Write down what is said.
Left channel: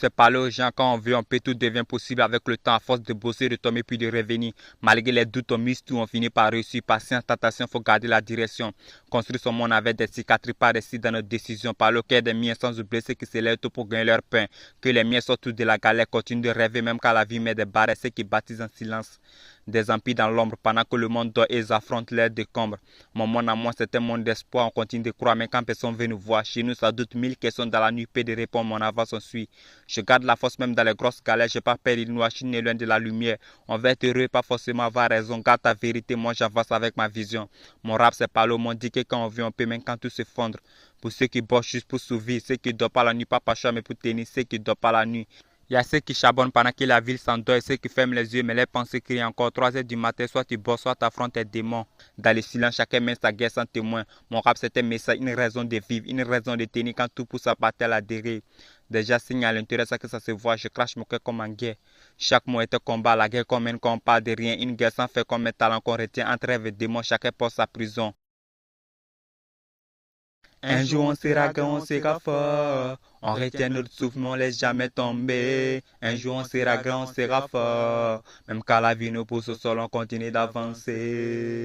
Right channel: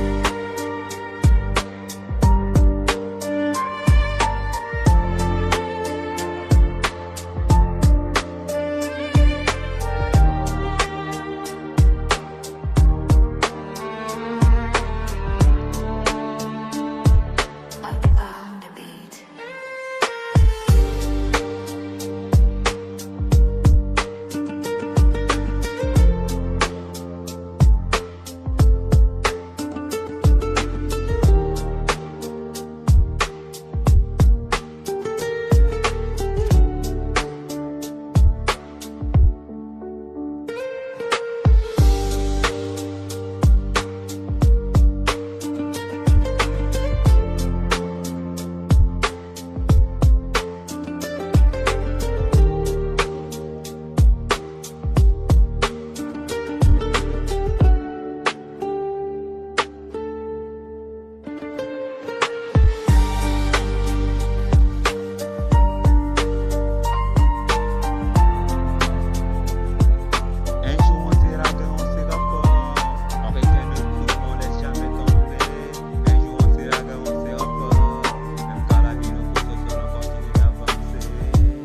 c'est parler aux gens quand on veut, on peut, tout devient possible avec le temps à force de bosser, de tomber puis de revenir. Malgré les doutes, on mise tout, on finit par réussir. Patience, tentation, faut garder la direction. Construire ce monde avec des cicatrices, pas réussir dans nos décisions. Par le cœur des miens sans oublier ceux qui se lèvent tout pour gagner leur pain. Que les miens sortent de la galère, continuent de rêver même quand la vie met des barres. Ceux qui partisent en silence. Des empires dans l'ombre, pendant que le monde dort, ils affrontent leurs décombres. Mon monde à moi, c'est un monde d'espoir, on continue de croire, mais quand personne veut nous voir, chez nous, ça doute 1000 questions dans la nuit, peu de réponses, mon avance, on suit. Je garde la force même dans les grosses galères, j'ai pas peur de noir, je suis né loin de la lumière. On va être heureux, pas forcément avoir raison, garde ta vérité, moi j'avance avec ma vision. Mon rap, c'est pas le monde, dit que quand on vit, on peut, même quand tout s'effondre. Pour ceux qui bossent juste pour survivre, ceux qui dorment pas la nuit, pas par chambre, écoute tennis, ceux qui dorment pas la nuit. Il y a ceux qui charbonnent pendant que la ville s'endort, ceux qui ferment les yeux, mais les pensées crient encore 3 h du matin, soit tu bosses, soit t'affrontes tes démons. Dans le silence, chacun mène sa guerre sans témoin. Mon rap, c'est un message, une raison de vivre, une raison de tenir quand tout pousse à partir à la dérive. Déjà signe à l'intérieur, ça que ça se voit, je crache mon cœur comme en guerre. Chaque mot est un combat, la guerre commune qu'on parle de rien. Une guerre sans faire comme un talent qu'on retient entre rêve et démon, chacun porte sa prison. Un jour on sera grand, on sera fort. On retient notre souffle, on laisse jamais tomber. Un jour on sera grand, on sera fort. Même quand la vie nous pousse au sol, on continue d'avancer.